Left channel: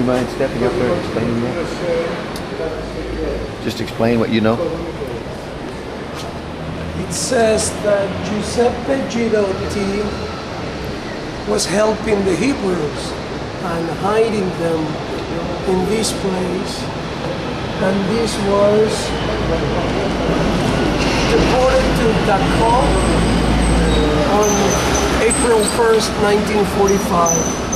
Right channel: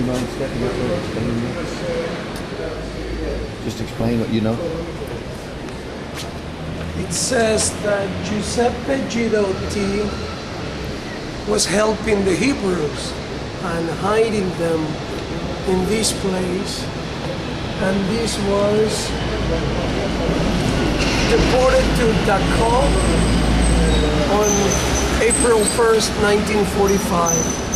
you mind stepping up there and explaining that? Just explain what you know. It says that Giuseppe Girotti was helping the Hebrews and hiding them in this place, and this was deported to Dachau on April 1st, 1945.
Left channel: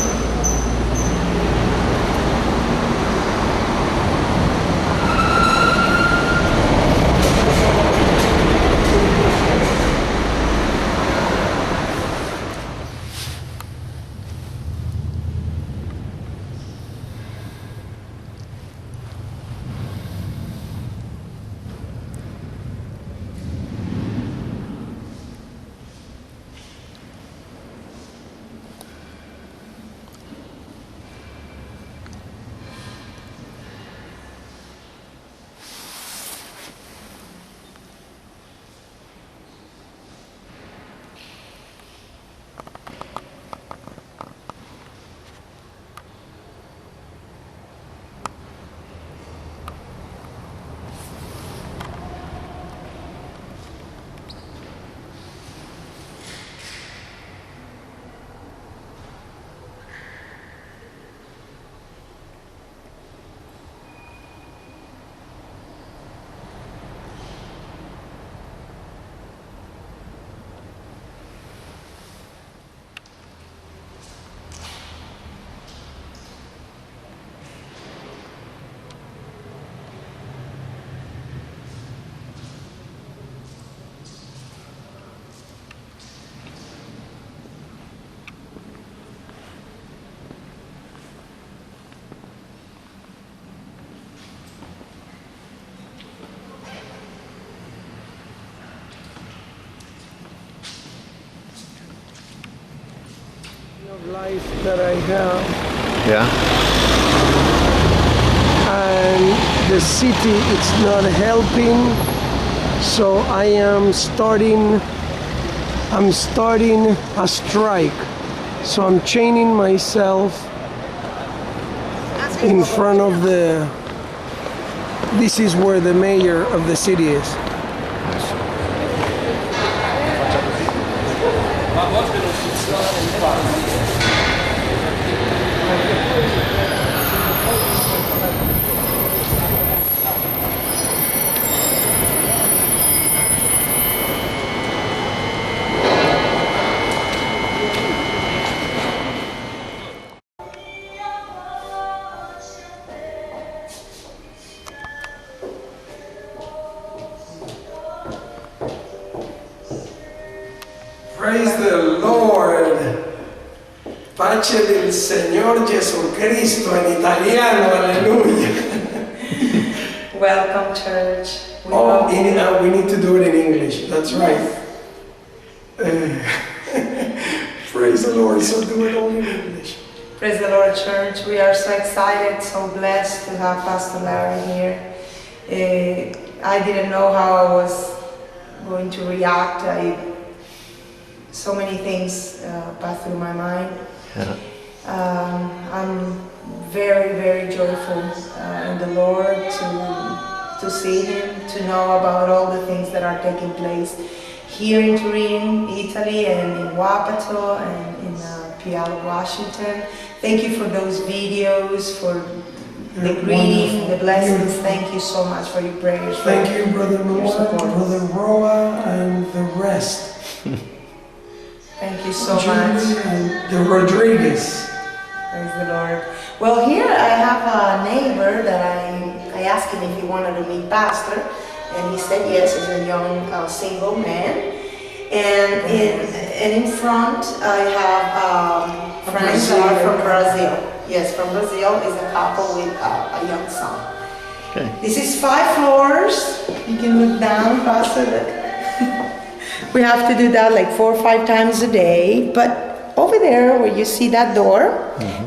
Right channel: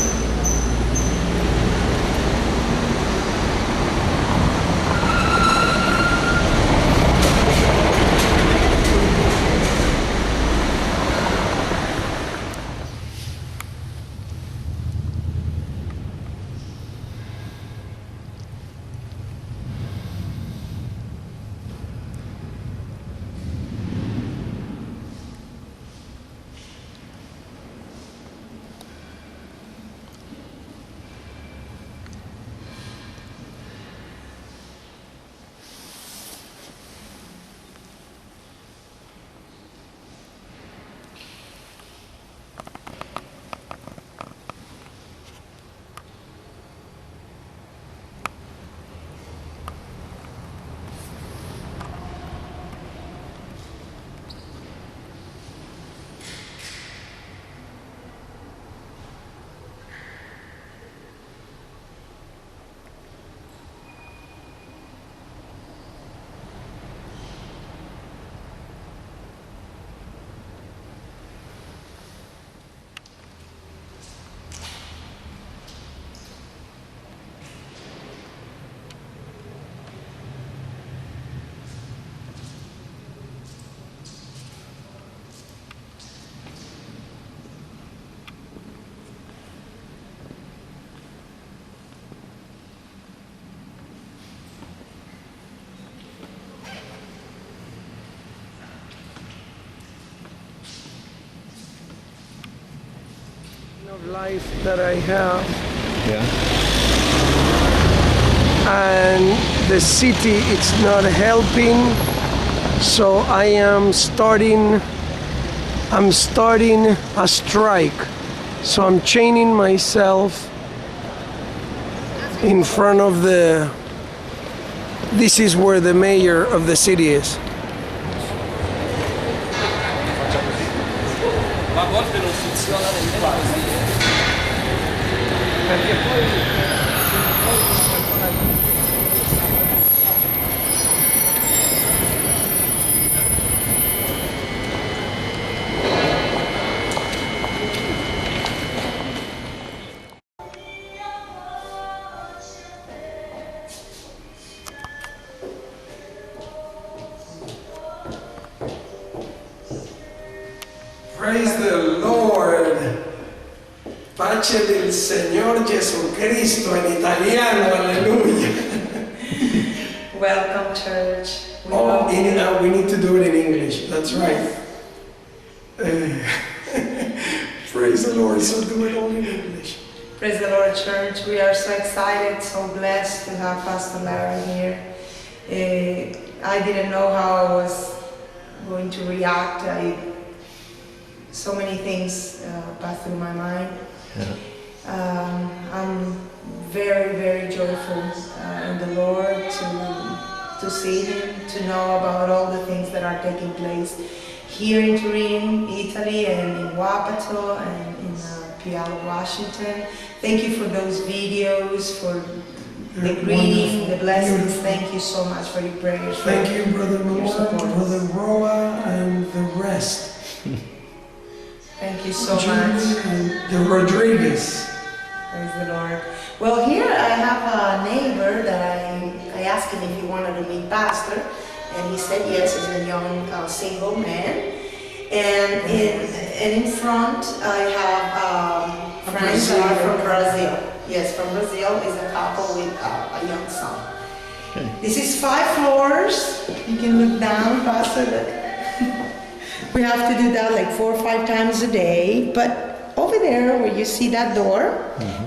Life that I have, Yeah. and the city it's not helping, so I'm starting a strike. So I'm chaining myself in front of this is where the mayor of the city is. Praise the Lord. Pace del Señor Jesucristo en italiano, aleluya. Welcome, church. We need to do it in English. That's right. Praise the Lord. So do it all in English. Praise the Lord, church. We are so excited, so blessed to have Pastor Larry here. I didn't know how I was going to react. So many things passed through my mind. Yeah. I'm very, very joyful in the Lord to see Him, to know about all the things that are taking place here in Turin, Italy, and in Wapato, and in Pialo, Washington. Thank you for those videos, for the greeting, the blessings. Thank you so much for your prayers. Thank you, Brother Noah, Brother Roa, and the rest. Thank you so much. And the Rodriguez. Praise the Lord. Well, here I have a neighbor that I asked him if he wanted to meet Pastor, and he said yes. He's a young single man. And in front I have friends that are from Brazil. Yes, from Brazil is a couple with a young son. Okay. This is 5 floors. You can look down, Pastor. We have to do that like 4 or 5 times a day. But over there, where you see that door,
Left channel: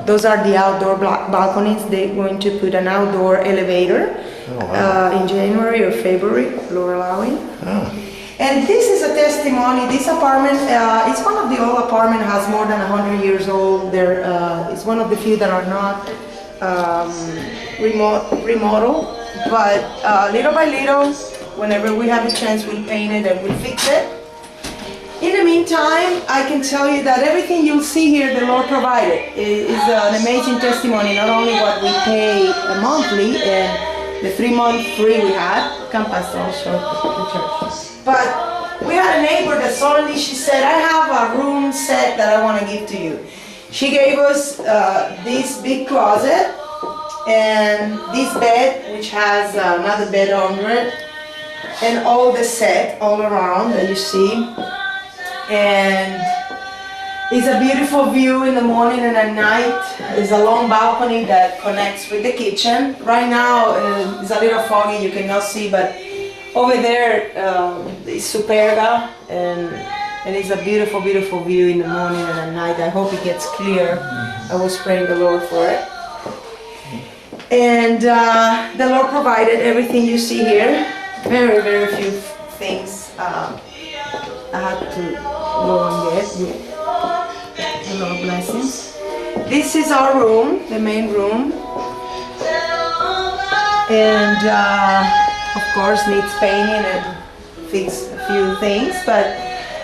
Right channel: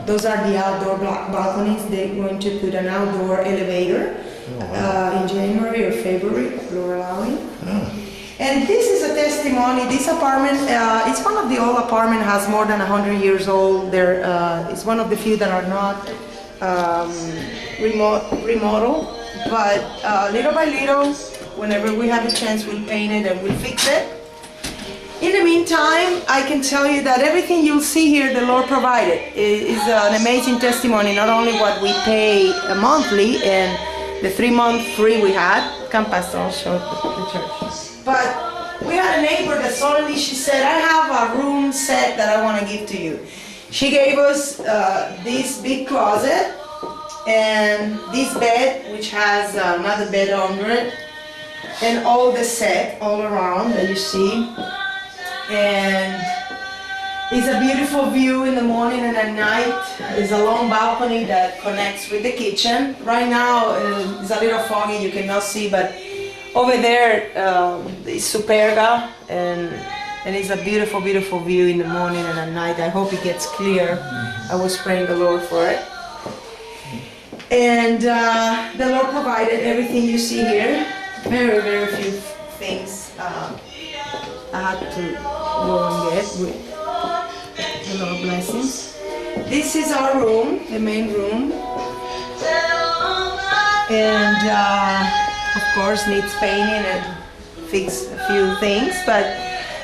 those are the outdoor balconies. They're going to put an outdoor elevator in January or February, Lord allowing. Oh. And this is a testimony. This apartment, it's one of the old apartments, has more than 100 years old. It's one of the few that are not um, remodel, but little by little, whenever we have a chance, we'll paint it and we'll fix it. In the meantime, I can tell you that everything you'll see here, the Lord provided. It is an amazing testimony, not only what we pay monthly and the 3-month free we had. Come, Pastor, I'll show the church. But we had a neighbor that suddenly she said, I have a room set that I want to give to you. She gave us this big closet and this bed, which has another bed under it, and all the set all around that you see. And it's a beautiful view in the morning and at night. There's a long balcony that connects with the kitchen. Right now it's a little foggy, you cannot see, but over there is Superga, and it's a beautiful, beautiful view in the morning and at night. I hope it gets clear. I was praying the Lord for it. And the Lord provided everything you see here. Very, very few things I had to go and get with the Lord blessings. This is our room, the main room. And of course needs painting and fix a few things, but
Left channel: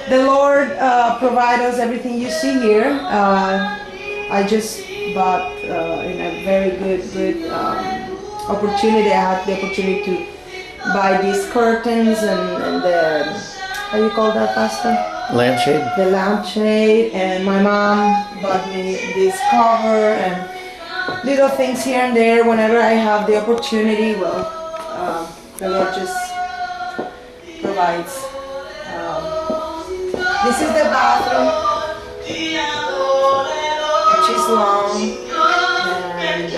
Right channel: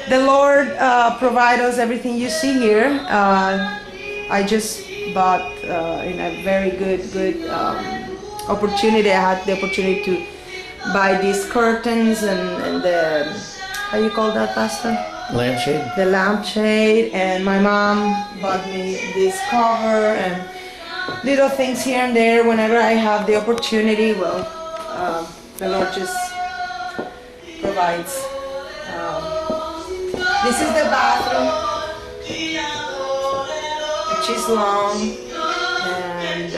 the Lord provides us everything you see here. I just bought in a very good opportunity. I had the opportunity to buy these curtains and the, how you call that, Pastor? Lampshade? The lampshade, and my mom bought me this cover and little things here and there whenever I have the opportunity. Well, the Lord just provides. This is the bathroom, which is long, and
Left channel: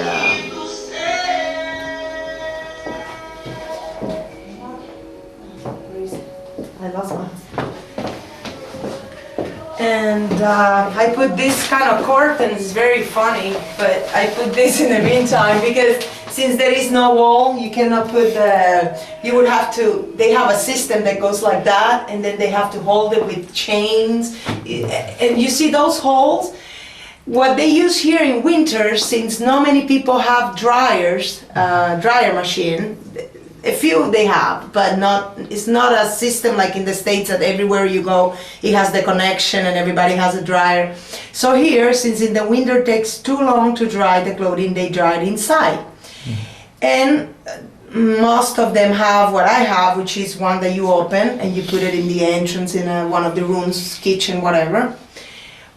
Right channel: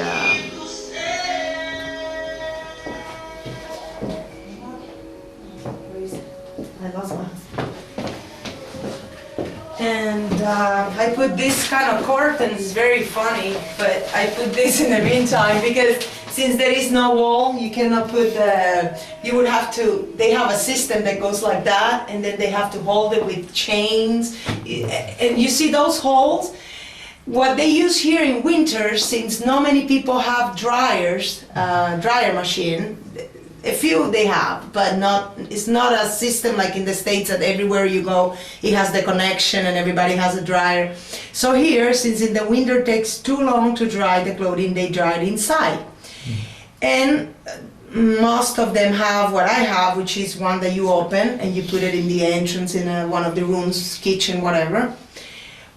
where is it? I lost my husband. And I put this kind of curtains, very funny, but I put this in the meantime because since there is no wall, you cannot put the, you would have to, they have a system that goes like that, and then they have to hold it with chains. And you see those holes? What they use here in winter, since not many people have dryers, dryer machine, a few they have, but not, it's not a system like in the States that everywhere you go, it has the connection and everybody has a dryer. So here, since in the winter it takes too long to dry the clothing, they dry it inside. And most of them have what I have, which is one that you open and you put it in the entrance in one of the rooms, kitchen, whatever.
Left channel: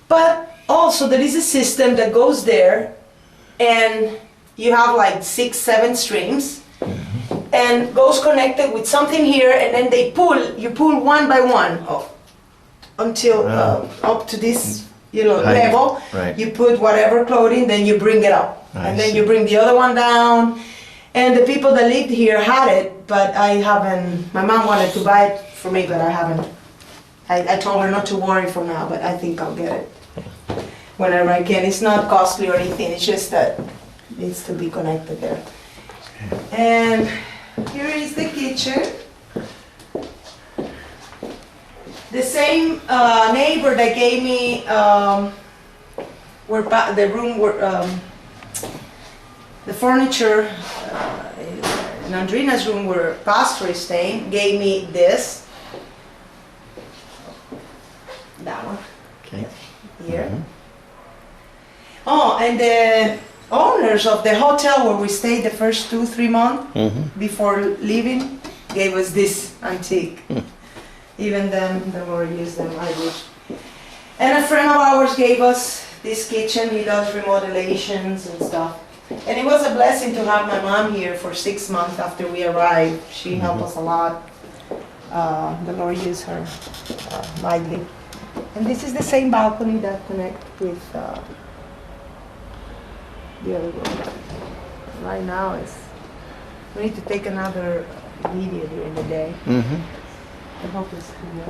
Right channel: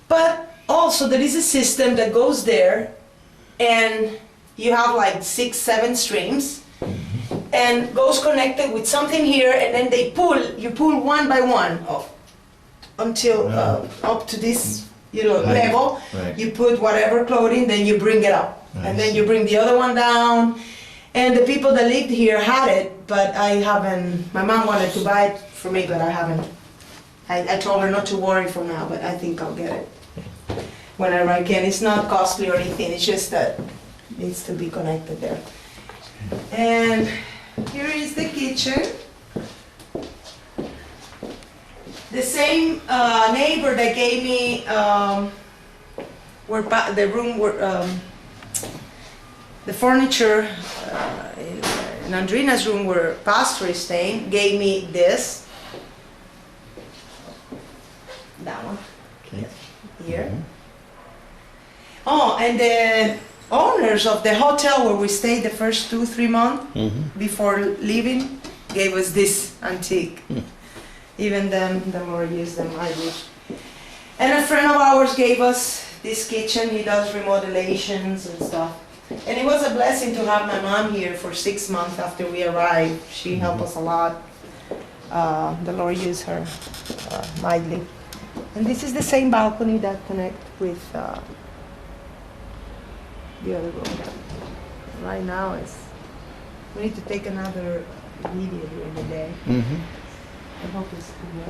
But also there is a system that goes there and you have like 6-7 streams and goes to with something here, and then they you pull one by one until up to this level. Right. You put whatever clothing, then you bring it up. And then you bring the other one down. And the people that lived here had it, but I haven't, my mom wanted to buy it for me, but I haven't. I told her not to worry for now, but I think I'll get it whenever I can. It's not costly or anything, it's just that it needs to be connected there. And here is the kitchen. The same neighbor that gave me the room where the furniture in Andrina's room where Pastor is staying gave me this. That one. Okay. Here. Oh, and the owners of the hotel where we stayed the first 2-3 months before leaving gave us this antique. Even then, the Lord used them, I wish. And a friend of ours gave us this kitchen. He does remodelations and stuff. And it was a blessing to have my mom here for 6 months after we arrived. She helped us a lot. The Lord used her mightily. And this is the same balcony that connects with the other room. Right now we need to take another video during the day. I hope it's clear.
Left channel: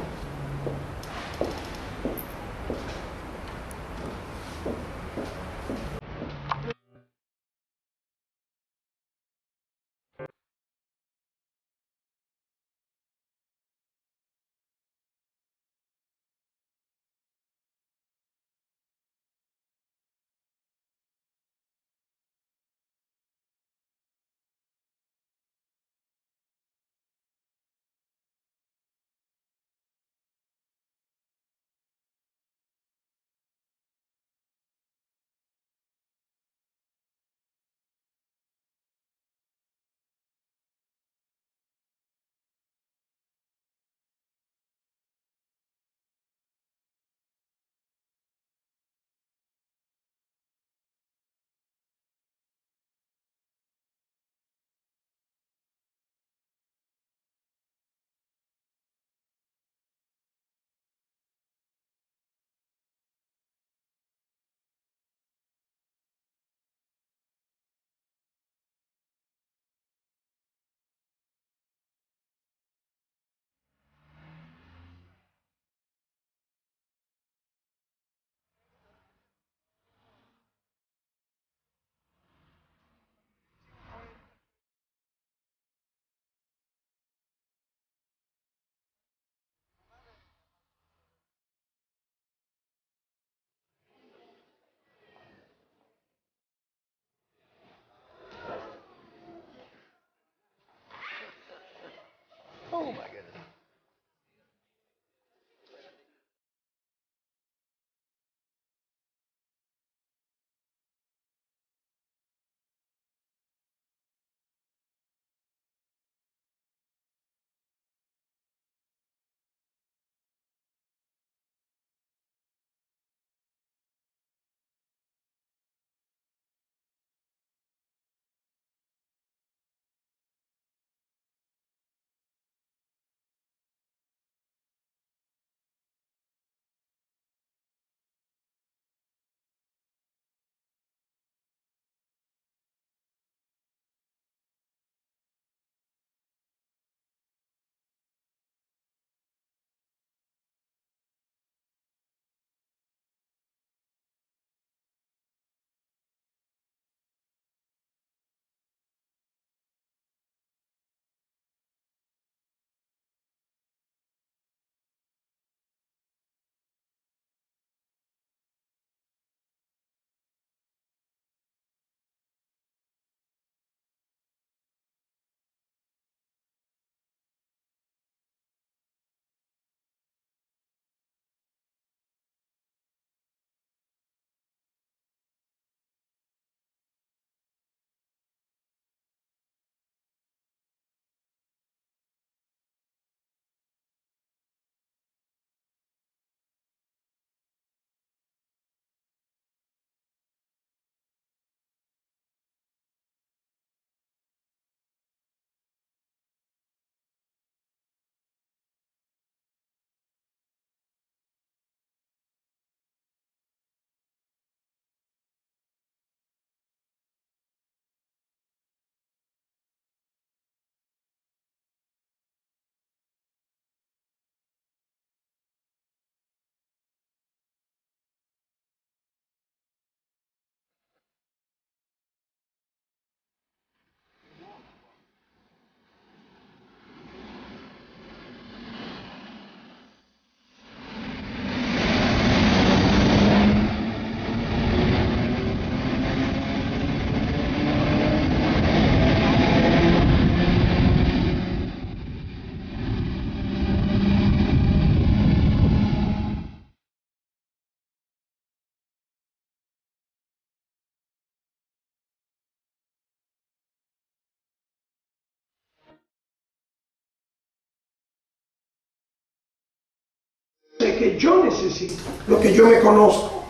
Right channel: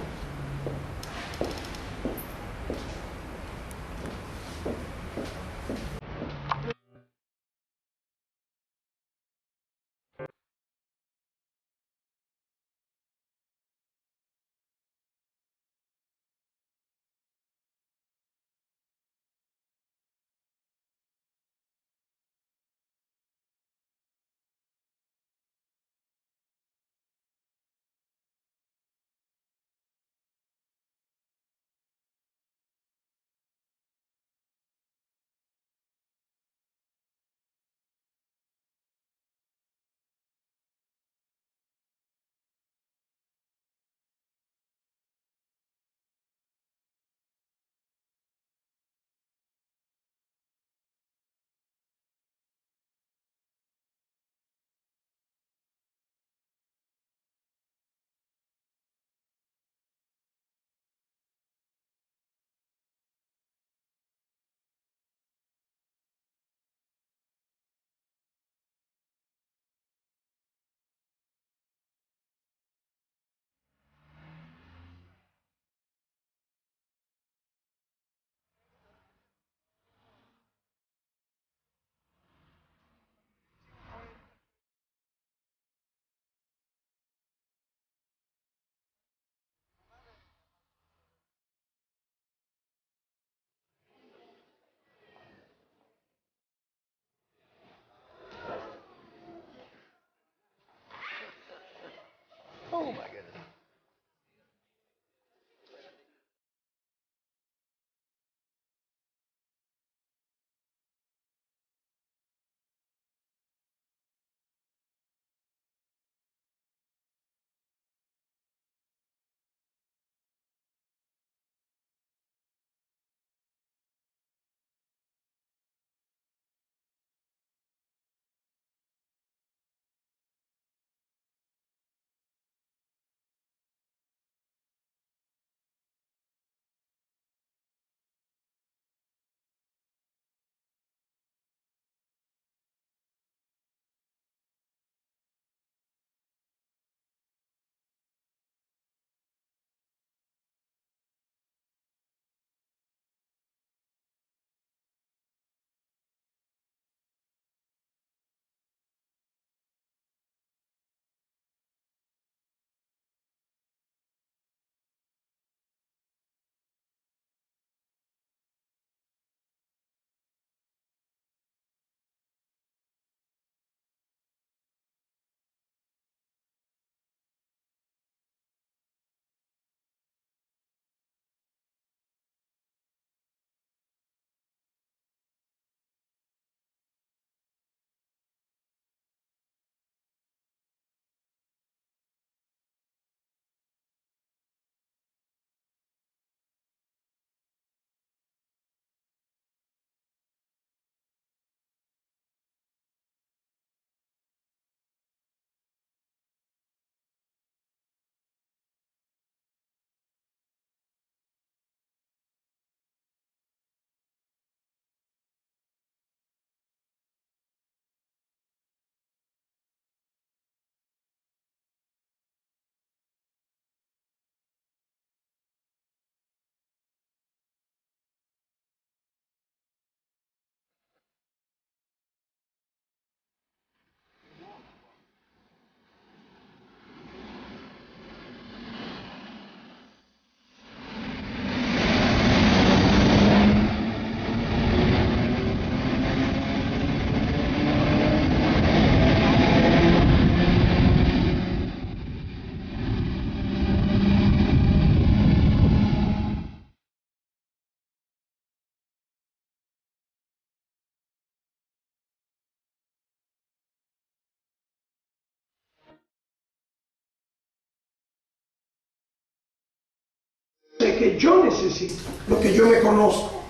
que yo necesito, lo que yo me conozco.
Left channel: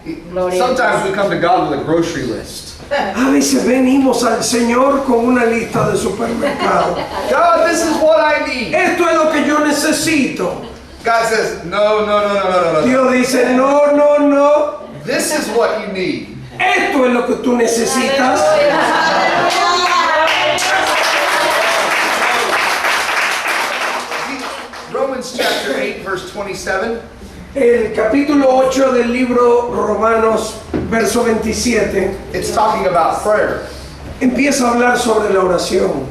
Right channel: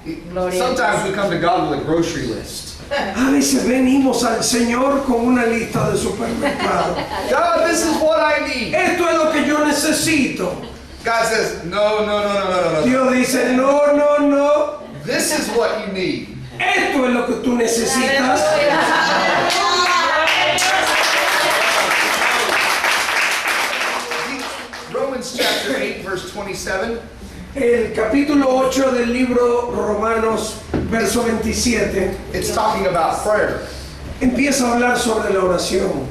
Sometimes we come to God with a grocery list. A veces venimos al Señor con una lista de supermercado. God, this is what I need. Esto es lo que yo necesito. God says, no, no, no, no, no, no, no. Dios dice, no, no, no. This is what you need. Esto es lo que tú necesitas. Romans chapter 8, verse 27. El capítulo 8 del libro Romanos, verso 27, It's talking about prayer. empieza a hablar sobre la oración.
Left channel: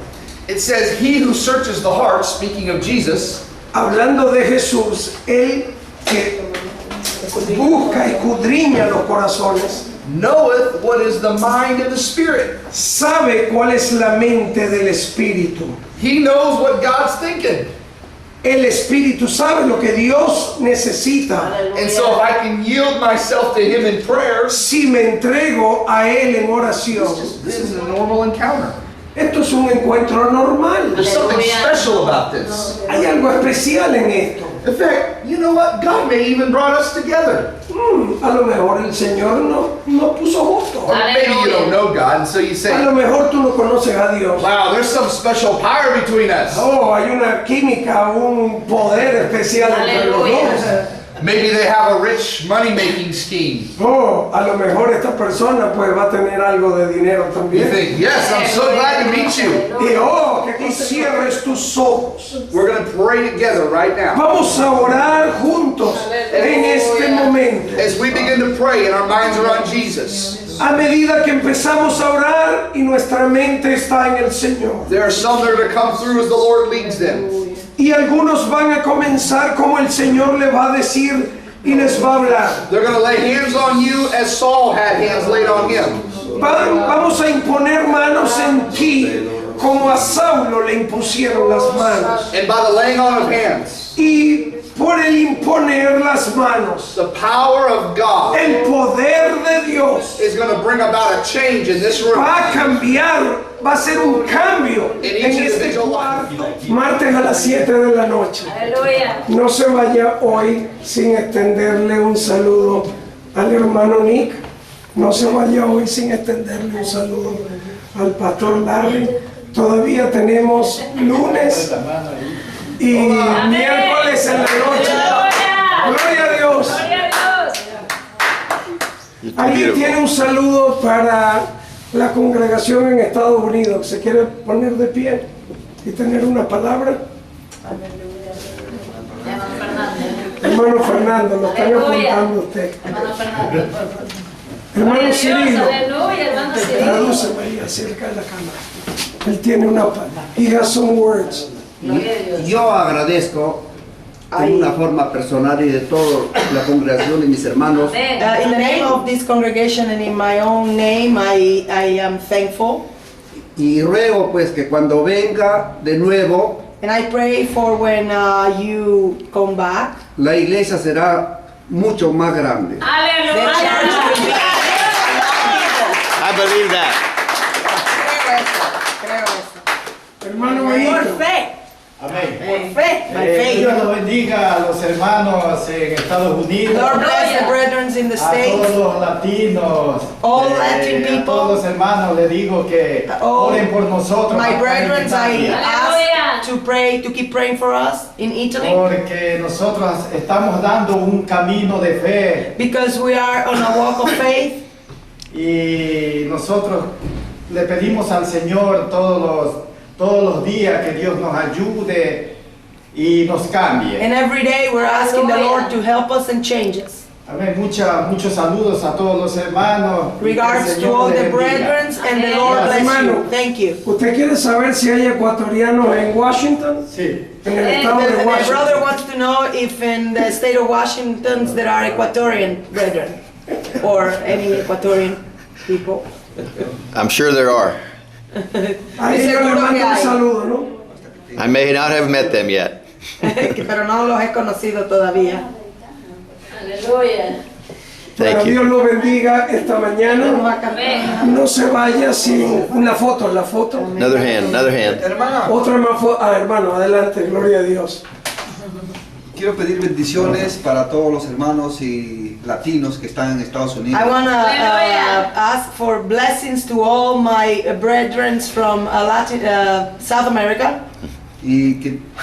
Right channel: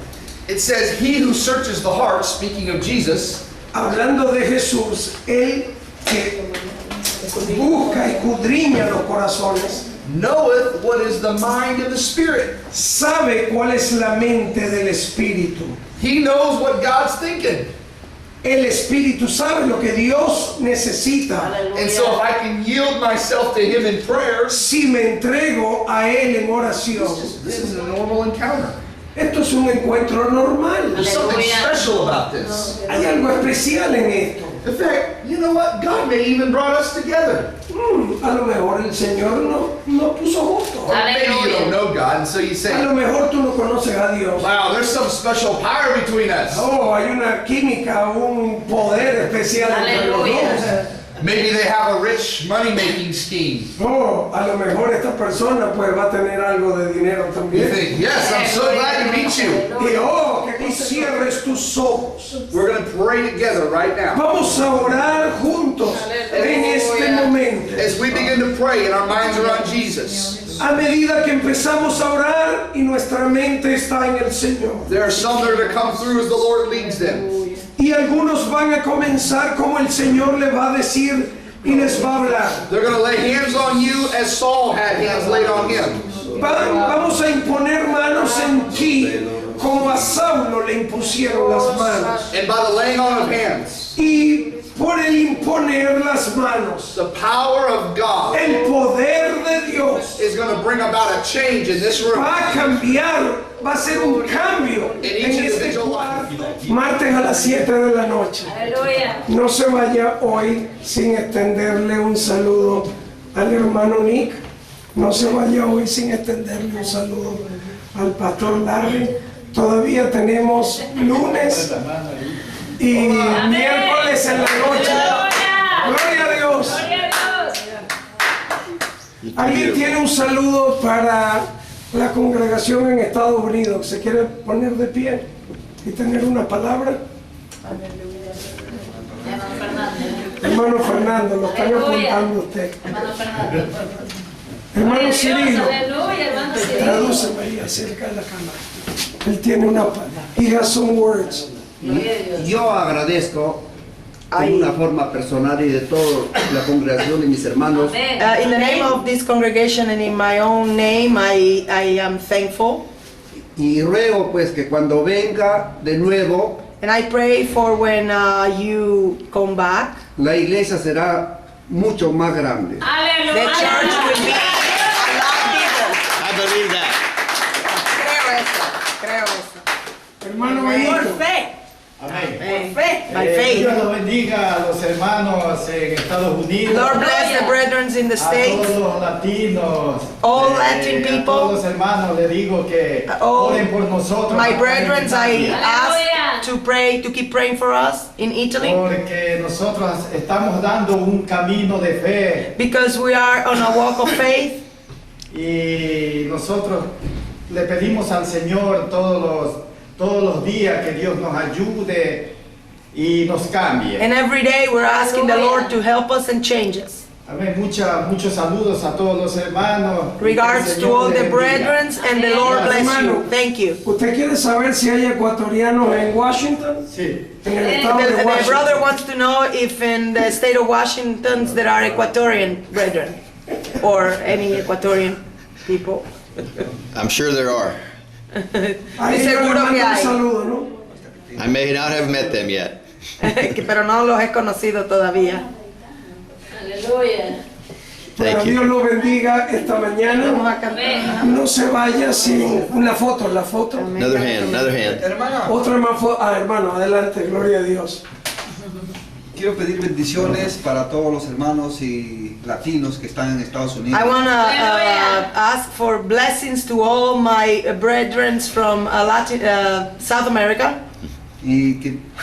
It says, he who searches the heart, speaking of Jesus, Hablando de Jesús, Él que busca y escudriña los corazones, knoweth what is the mind of the Spirit. sabe cuál es la mente del Espíritu. He knows what God's thinking. El Espíritu sabe lo que Dios necesita. And so if I can yield myself to him in prayer, Si me entrego a Él en oración, this is a normal encounter. esto es un encuentro normal. There's something special about this. Hay algo especial en esto. In fact, you know what? God may even brought us together. A lo mejor el Señor no puso justo. Or maybe you don't know God, and so you A say, lo mejor tú no conoces a Dios. wow, there's some special power between us. Oh, hay una química, un poder especial entre los dos. Maybe they have a rich money-making scheme. Oh, a lo mejor esta persona pues va a tener algo de dinero You también. think, yes, I'm so glad to meet you. Y oh, que tú cierres tus ojos. We're going to pray together right now. Vamos a orar juntos en este momento. As we begin to pray and our minds are on Jesus, A medida que empezamos a orar y nuestra mente está en el Señor. there are some that are to come through as the Lord leads them. Y algunos van a comenzar como el Señor le va a decir y les va a hablar. They're going to lay hands on you as Saul had hands laid on him. Vamos a imponer manos en ti como a Saulo le impusieron las manos. And by the laying on of hands, Y por el imponer las manos, the power of God el poder de Dios is going to bring about a change in this room. va a cambiar, va a ser un cambio en este cuarto. Martes a las 7 de la noche. No se vaya hoy sin extenderle un saludo al hermano Nick. No se vaya hoy sin extenderle un saludo al pastor Larry. Todavía tenemos lunes y miércoles en la noche. Gloria a Dios. ¿Alguien tiene un saludo para la congregación en Estados Unidos? ¿Se quiere poner de pie y tener una palabra? Hermano Fernando, lo están apuntando usted. Hermano Cirilo, tradúceme ahí acerca de la cámara. Él tiene una palabra. He has some words. Yo agradezco en una forma personal y de toda la congregación y mis hermanos In the name of this congregation and in my own name, I am thankful. y ruego pues que cuando venga de nuevo And I pray for when you come back, la iglesia será mucho más grande. the church will be I believe that. Creo eso. Hermano Por Benito. fe. Amén. Por fe. By faith. Dios los bendiga a los hermanos en Estados Unidos, Lord bless the brethren in the a States. todos los latinos, All Latin a people. todos los hermanos les digo que All oren por nosotros. My acá en brethren, I Italia, ask to pray, to keep praying for us in Italy, porque nosotros estamos dando un camino de fe because we are on a walk of faith. y nosotros le pedimos al Señor todos los días que Dios nos ayude y nos cambie. And every day we're asking the Lord to help us and change us. Amén. Muchos saludos a todos los hermanos. Regards Que el to Señor all les the bendiga. brethren and the Lord bless you. Thank you. ¿Usted quiere saber si hay ecuatorianos en Washington? Sí. En el estado de My brother Washington. wants to know if in the state of Washington there are Ecuadorian brethren or any Ecuadorian people. I'm sure there are. Ahí yo le Seguro que mando un hay. saludo, ¿no? I may not have met them yet. Pero no los he conocido todavía. Thank Bueno, you. Dios lo bendiga esta mañana. No se vaya sin una foto, la foto. Another hand, another hand. Otra más foto. Ah, hermano, adelante, gloria a Dios. quiero pedir bendiciones para todos los hermanos y latinos que están en Estados Unidos. I want to ask for blessings to all my brethren from South America. Y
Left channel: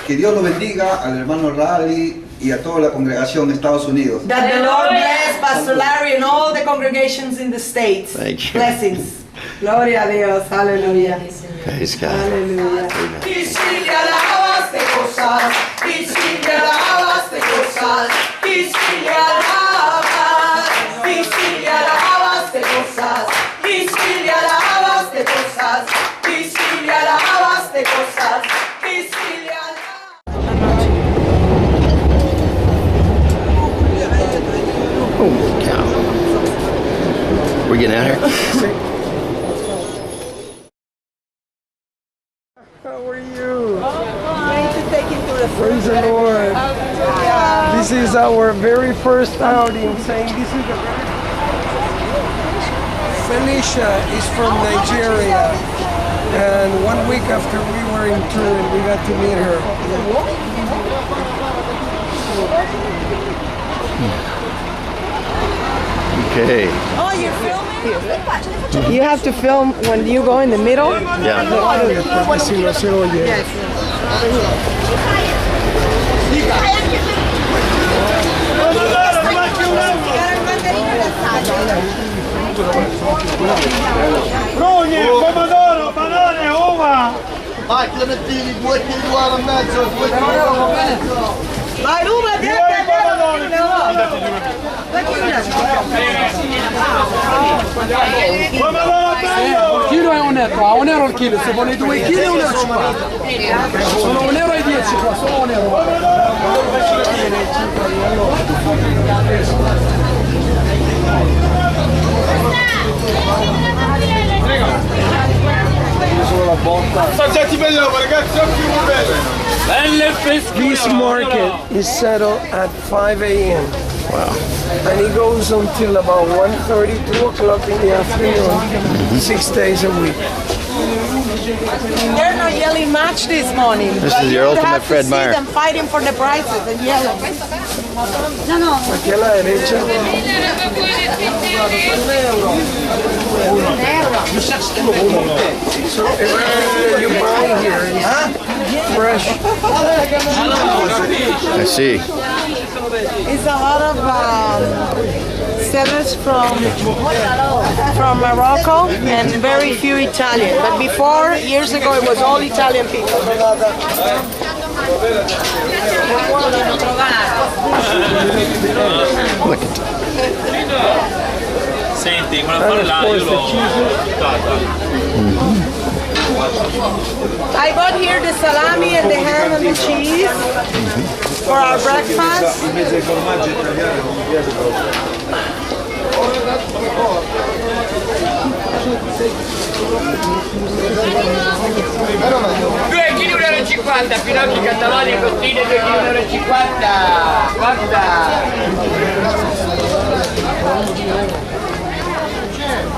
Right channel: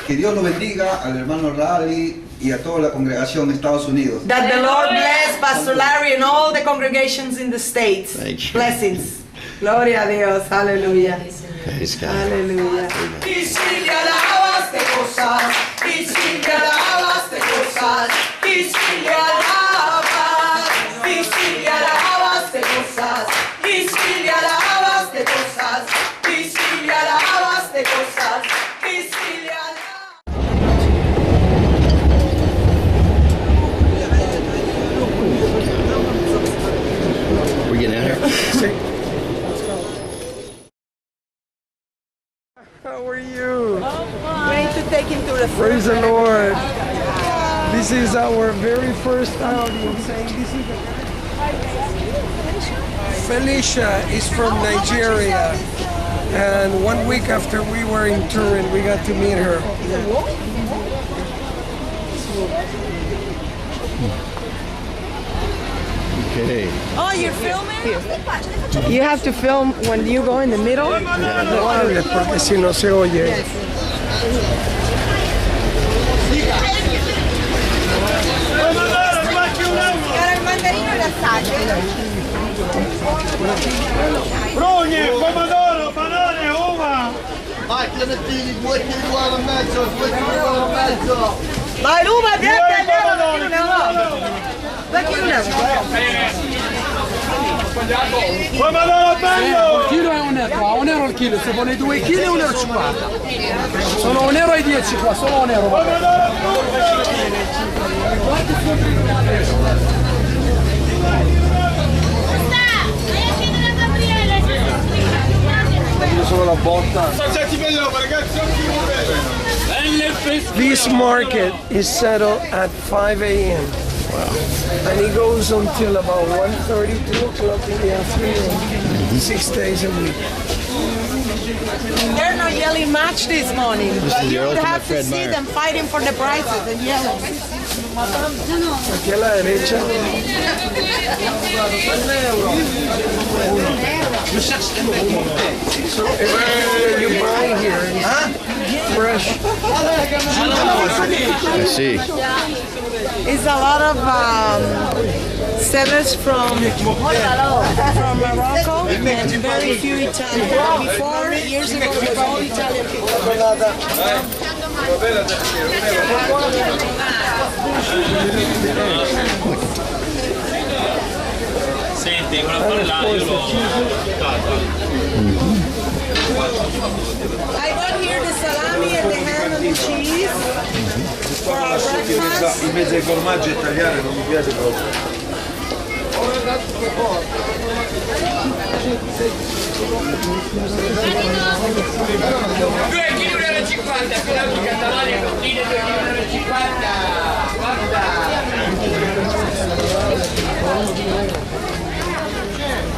que Dios lo bendiga al hermano Rally y a toda la congregación de Estados Unidos. That the Lord bless Pastor Larry and all the congregations in the States. Thank you. Blessings. Gloria a Dios. Aleluya. Praise God. Aleluya. Y si le alabas de cosas, y si le alabas de cosas, y si le alabas, y si le alabas de cosas, y si le alabas de cosas, y si le alabas de cosas, y si le alabas. We getting out of here? How are you? Going to take him to the Praise the Lord. This is our very first outing. Saying this is the Felicia is from Nigeria, and 1 week after we were in Turin, we got to meet her. Okay. Oh, you're filming? You have to film when you go in the middle. Yeah. Porque si no se oye. Prugne, pomodoro, banane, uva! Vai, clementini, 2 kg e mezzo, 2 kg e mezzo. Vai, Ruma, Pomodoro bello! Il chilo è €1, a €1 il chilo, se vuole 2 kg è €1,50. Sono €1,10 qua, solo €1. Soggetti bello, ragazzi, occhi This market is settled at 5 a.m. Wow. And it goes until about 1:30, 2 o'clock in the afternoon, 6 days a week. They're not yelling match this morning. This but is you your would ultimate have to Fred see Meyer. them fighting for the prices and yelling. Aquí a la derecha. So everything that you buy here is fresh. I see. It's a lot of sellers from Morocco and very few Italian. But before, years ago, it was all Italian people. Senti, quella là io l'ho I got here the salami and the ham and the cheese for our breakfast. in mezzo ai formaggi italiani non mi piace proprio. 2 kg €1,50, Pinocchio Catalogna, costine 2 kg €1,50, guarda!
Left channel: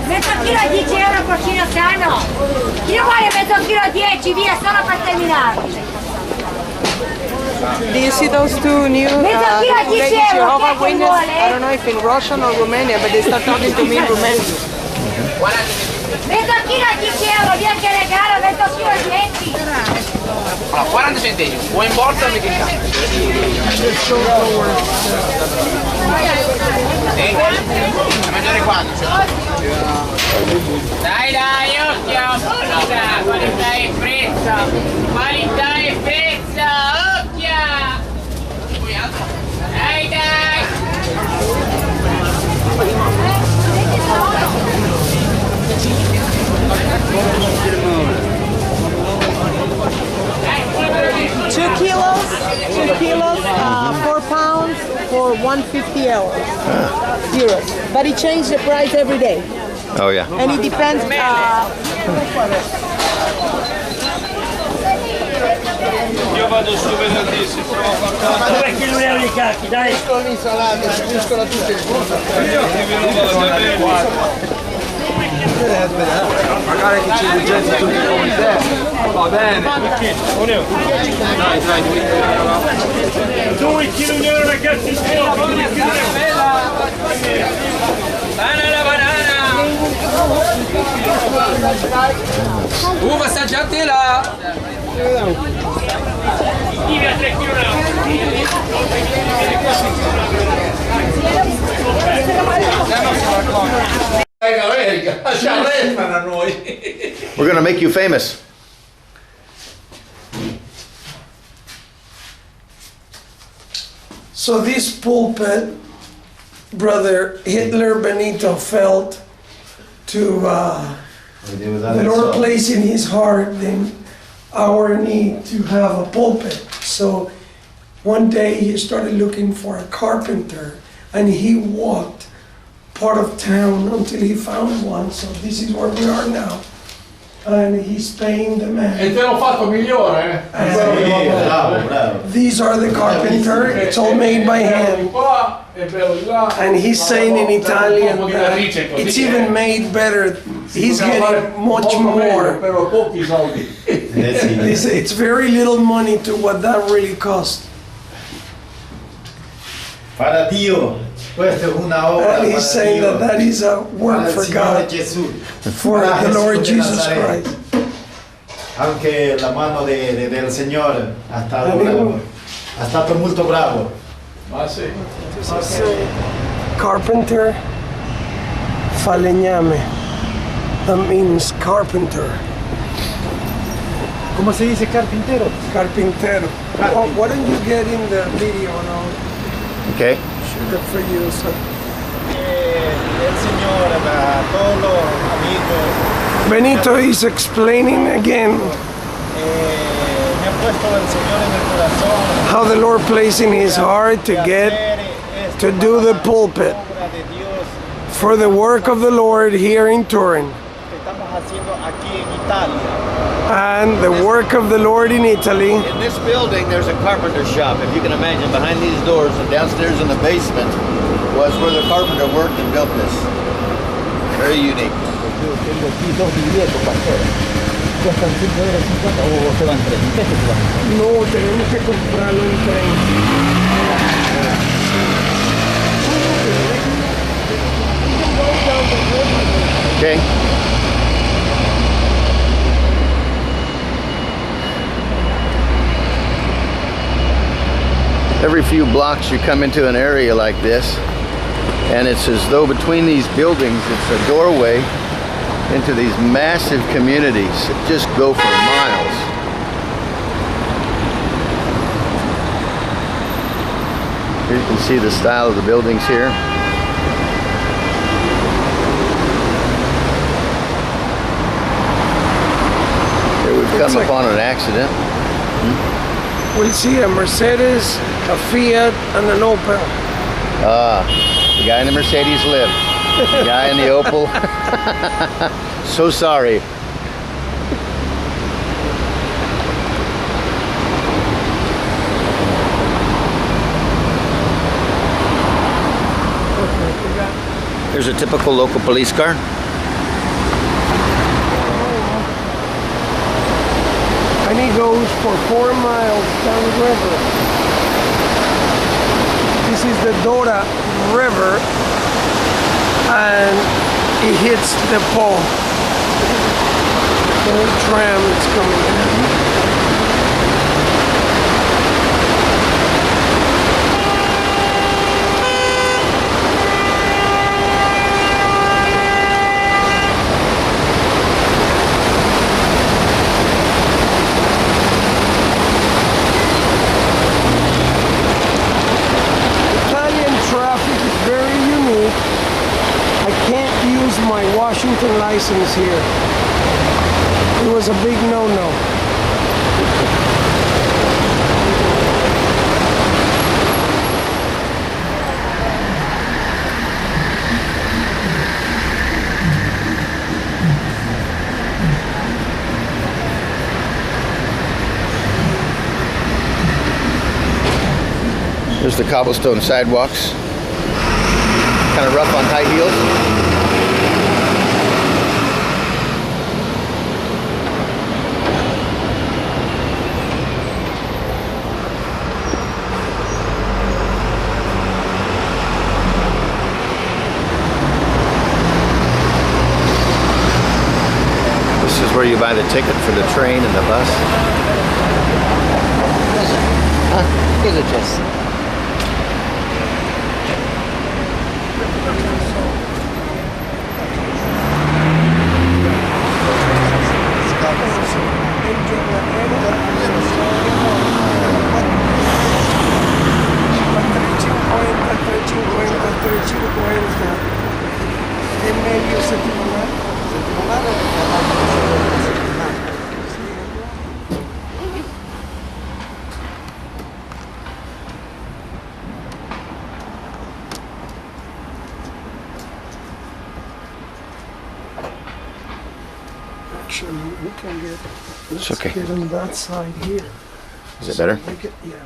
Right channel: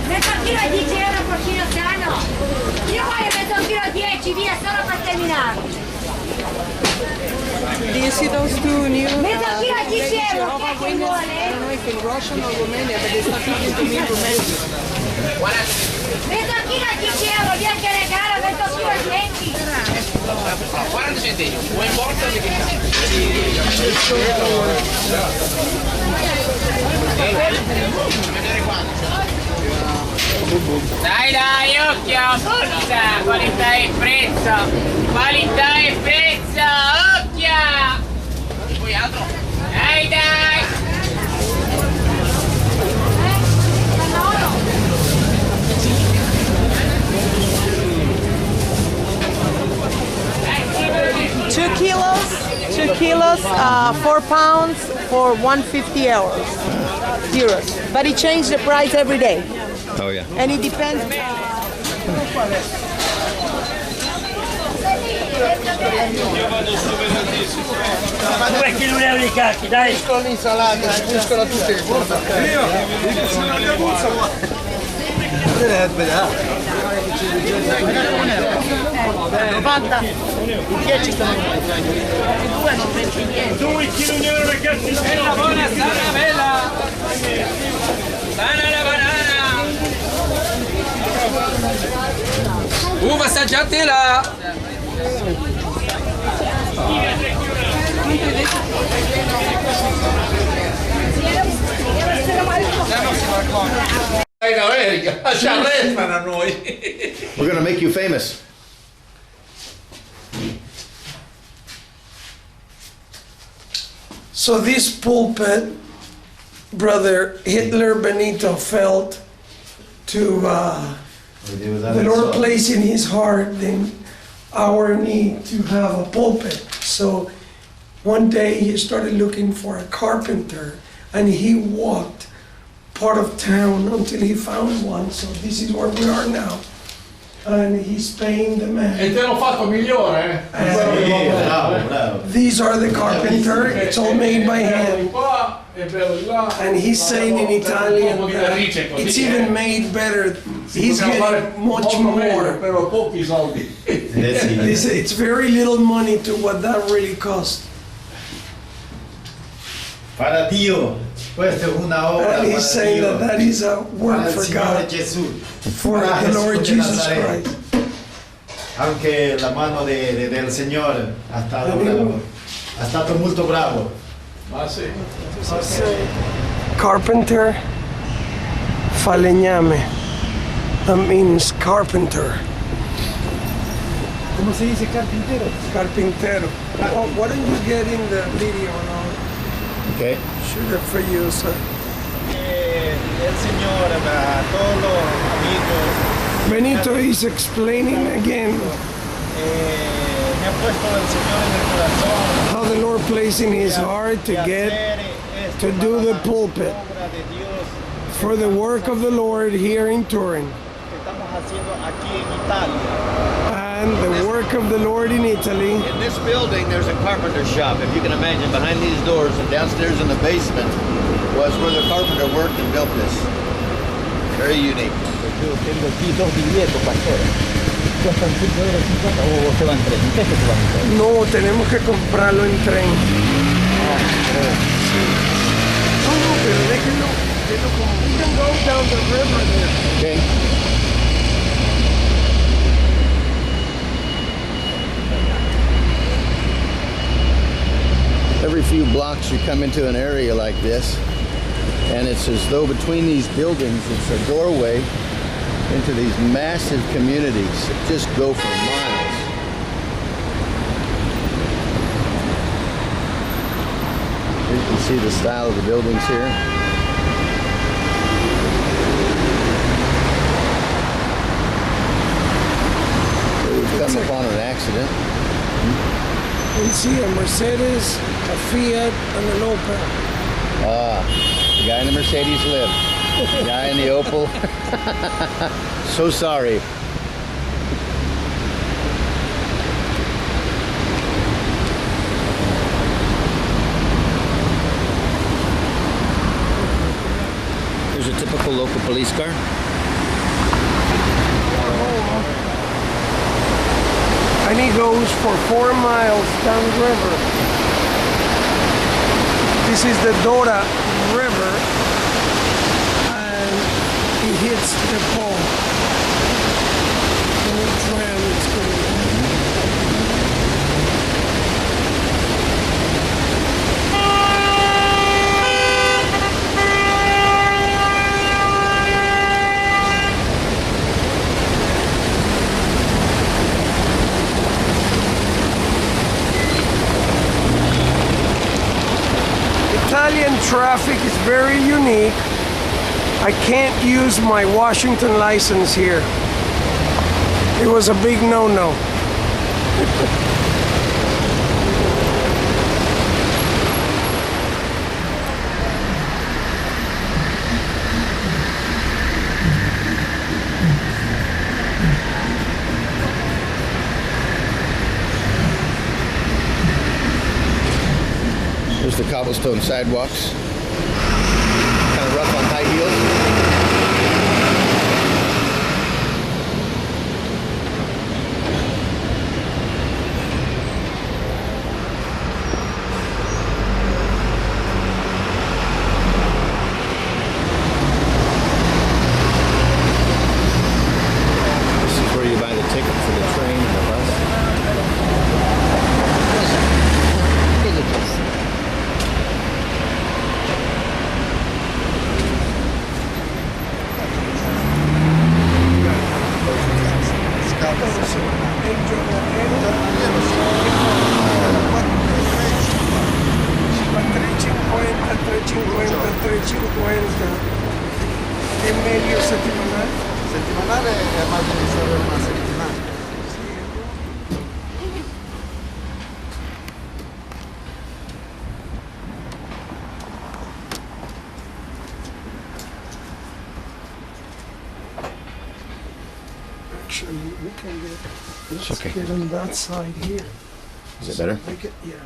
Mezzo chilo a 10 euro porcino sano. Io voglio mezzo chilo a 10, via, solo per terminare. Do you see those two new ladies, Jehovah's Witness? I don't know if in Russian or Romania, but they start talking to me in Romanian. Mezzo chilo a 10 euro, via che regalo, mezzo chilo a 10. No, 40 centesimi, o in borsa o in caccia. A mangiare quando? Dai, occhio, qualità e prezzo, qualità e prezzo, occhio! Poi altro? Dai! 2 kilos, 4 pounds for 150 euros. But it changed the price every day. Oh, yeah. And it depends. Io vado su venerdì, 2 kg di cacchi, dai! Con l'insalata, si buscano tutte le cose. io Magari che ci leggete tutti come te. Va bene. 2 kg euro ragazzi. Banana, banana. Uva assaggiatela. We're gonna make you famous. So this pulpit, Brother Hitler Benito felt to the Lord placed in his heart then our need to have a pulpit. So one day he started looking for a carpenter and he walked part of town until he found one. So this is where we are now. And he's paying the man. E te l'ho fatto migliore, These are the carpenter. It's all made by hand. And he's saying in Italian that it's even made better. He's getting much more. It's very little money to what that really cost. Para Dio, questa è una obra And he's saying that that is a work for God, for the Lord Jesus Christ. Anche la mano del Signore ha stato molto bravo. Ma sì. Carpenter, falegname. That means carpenter. ¿Cómo se dice carpintero? Carpintero. Oh, why don't you get in the video and I'll Okay. shoot it for you, sir. El Señor, a todos los amigos, Benito is explaining again me ha puesto el Señor en el corazón. how the Lord placed in his heart to do the pulpit Obra de Dios for the work of the Lord here in Turin que estamos haciendo aquí en Italia. and the work of the Lord in Italy. In this building, there's a carpenter shop. If you can imagine, behind these doors and downstairs in the basement was where the carpenter worked and built this. Very unique. Yo tengo aquí 2 billetes, pastore. Cuestan 5,50 € o se van 3. ¿En qué se van? No, tenemos que comprarlo en tren. Okay. Every few blocks you come into an area like this, and it's as though between these buildings it's a doorway into these massive communities that just go for miles. Here you can see the style of the buildings here. Here we've come upon an accident. We see a Mercedes, a Fiat, and an Opel. The guy in the Mercedes lived. The guy in the Opel. So sorry. Here's a typical local police car. And he goes for 4 miles down the river. This is the Dora River, and he hits the pole. The tram is coming in. Traffic is very unique. I can't use my Washington license here. It was a big no-no. There's the cobblestone sidewalks. Kind of rough on high heels. where you buy the ticket for the train and the bus? Cosa c'è? È meglio settimanale? Settimanale è solo una settimana. Actually, we can get, let's okay. get on that side here. Is it better? Yeah.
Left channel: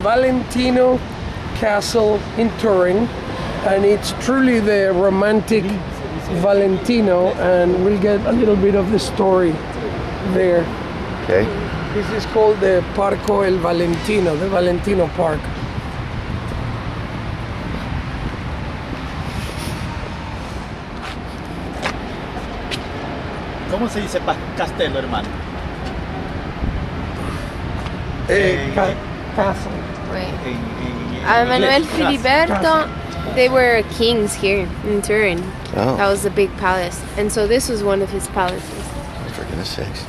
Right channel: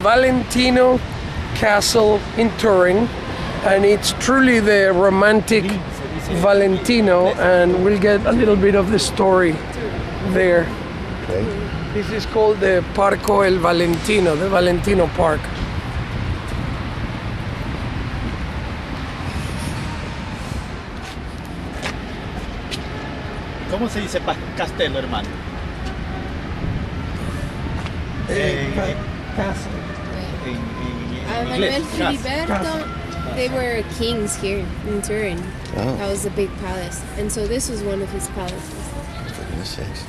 Valentino Castle in Turin, and it's truly the romantic Valentino, and we'll get a little bit of the story there. Okay. This is called the Parco El Valentino, the Valentino Park. ¿Cómo se dice castello, hermano? Castle. Manuel Filiberto, they were kings here in Turin. Oh. That was a big palace. And so this was one of his palaces. For goodness sakes.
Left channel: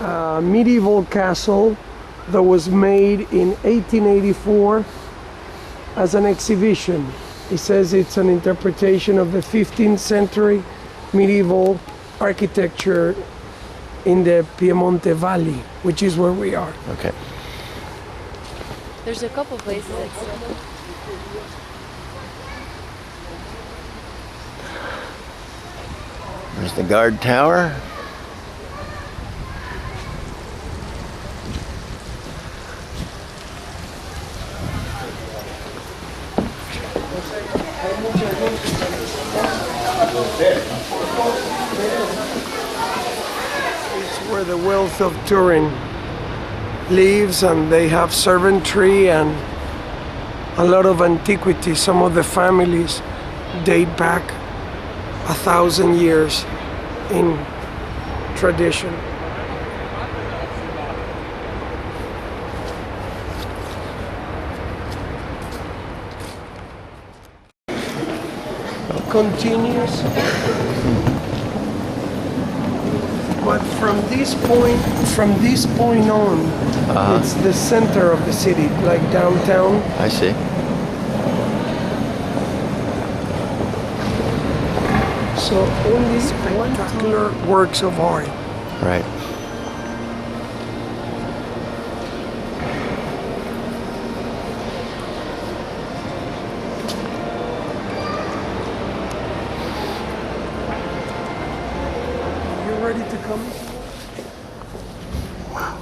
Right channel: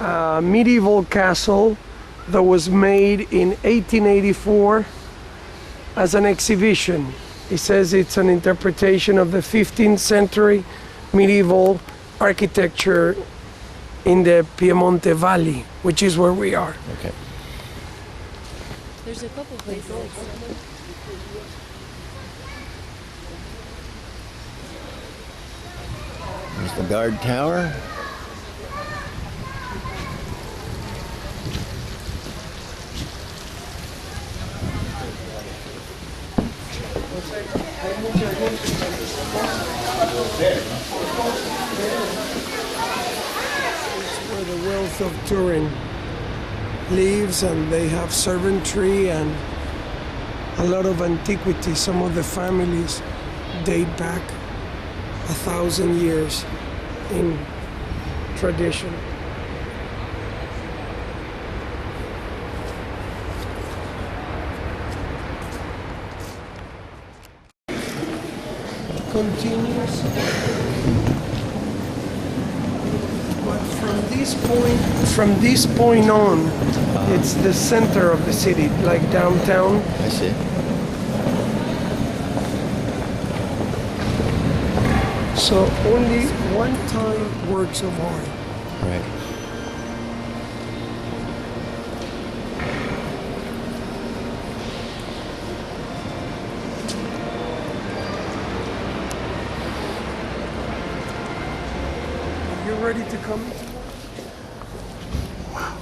a medieval castle that was made in 1884 as an exhibition. It says it's an interpretation of the 15th century medieval architecture in the Piemonte Valley, which is where we are. Okay. There's a couple places like that. There's the guard tower. It's where the wealth of Turin lives, and they have servantry and a lot of antiquity. Some of the families date back 1,000 years in tradition. Continues, but from this point on, it's the center of the city, like downtown. I see. So only one particular works of art. Right. Ready to come? Wow.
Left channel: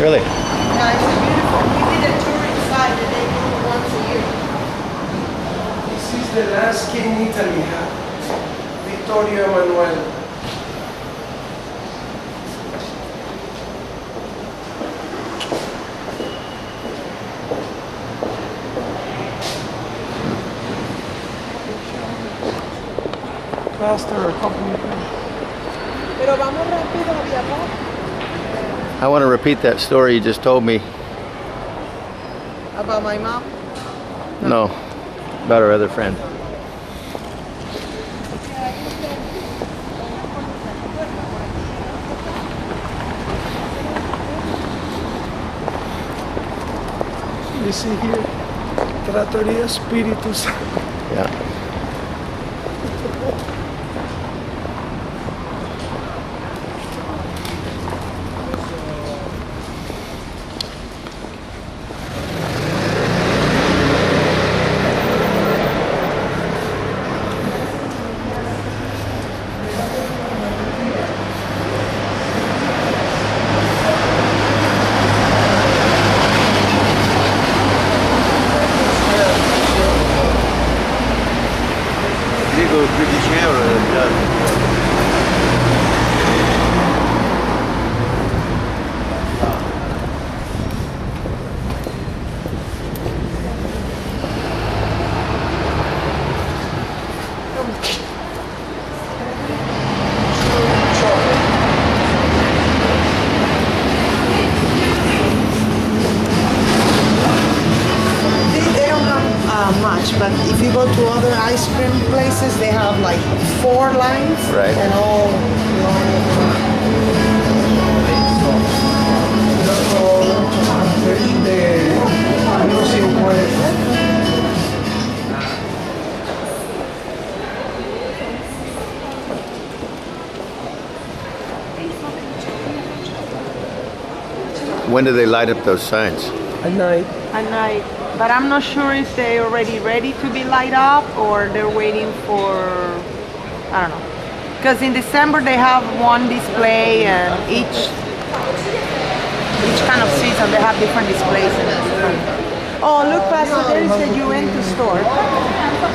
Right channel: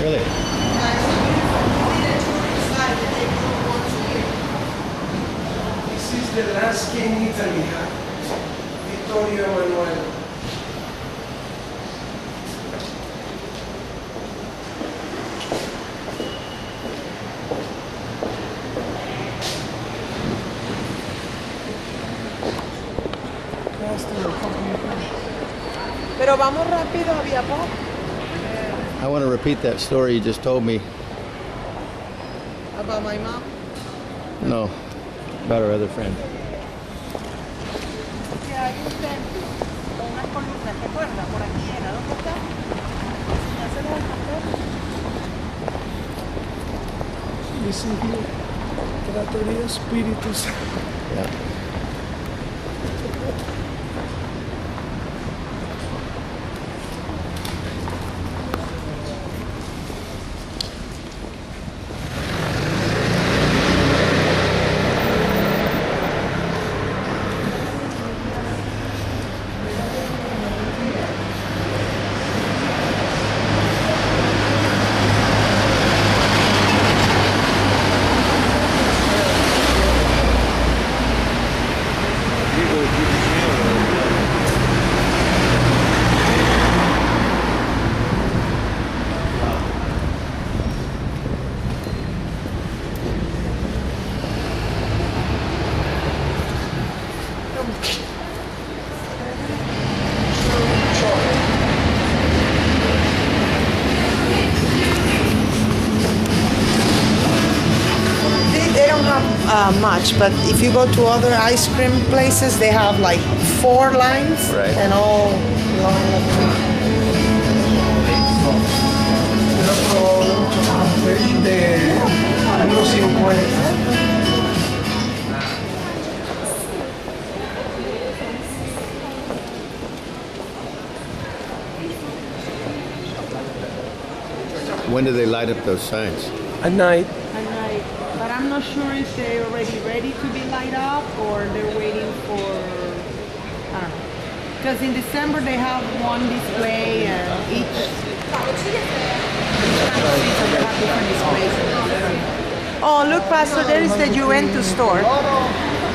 Really? Yeah, it's beautiful. We did a tour inside and they do it once a year. This is the last king Italy had, Vittorio Emanuele. Pastor, a couple of things. Pero vamos rápido, había poco. I want to repeat that story you just told me. About my mom? No, about our other friend. You see here, Trattoria Spiritu Santo. Yeah. Much, but if you go to other ice cream places, they have like 4 lines, right, and all When do they light up those signs? At night. But I'm not sure if they're already ready to be light up or they're waiting for, I don't know. Because in December they have one display and each kind of season they have different displays. Oh, look, Pastor, there is the Juventus store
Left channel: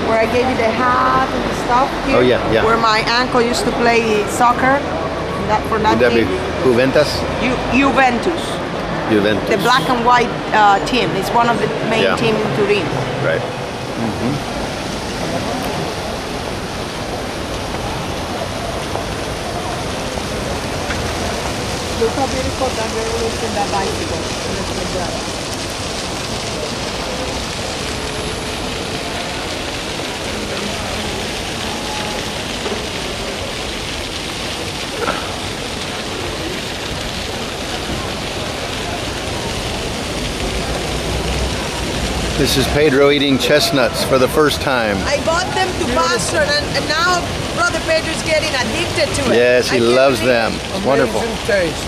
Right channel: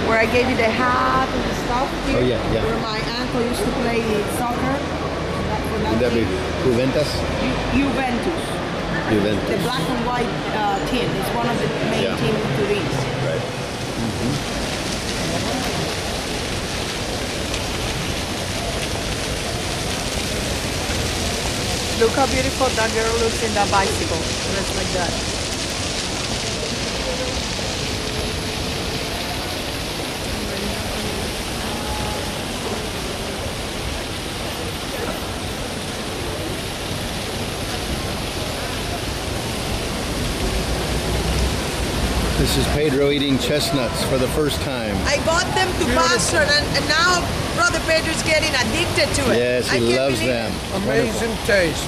where I gave you the hat and the stuff here. Oh, yeah, yeah. Where my uncle used to play soccer. For that Would that be team. Juventus? Juventus. Juventus. The black and white team. It's one of the main teams in Turin. Right. Look how beautiful that girl looks in that bicycle. Looks like that. This is Pedro eating chestnuts for the first time. I bought them to Pastor and now Brother Pedro's getting addicted to it. Yes, he loves them. Amazing Wonderful. taste.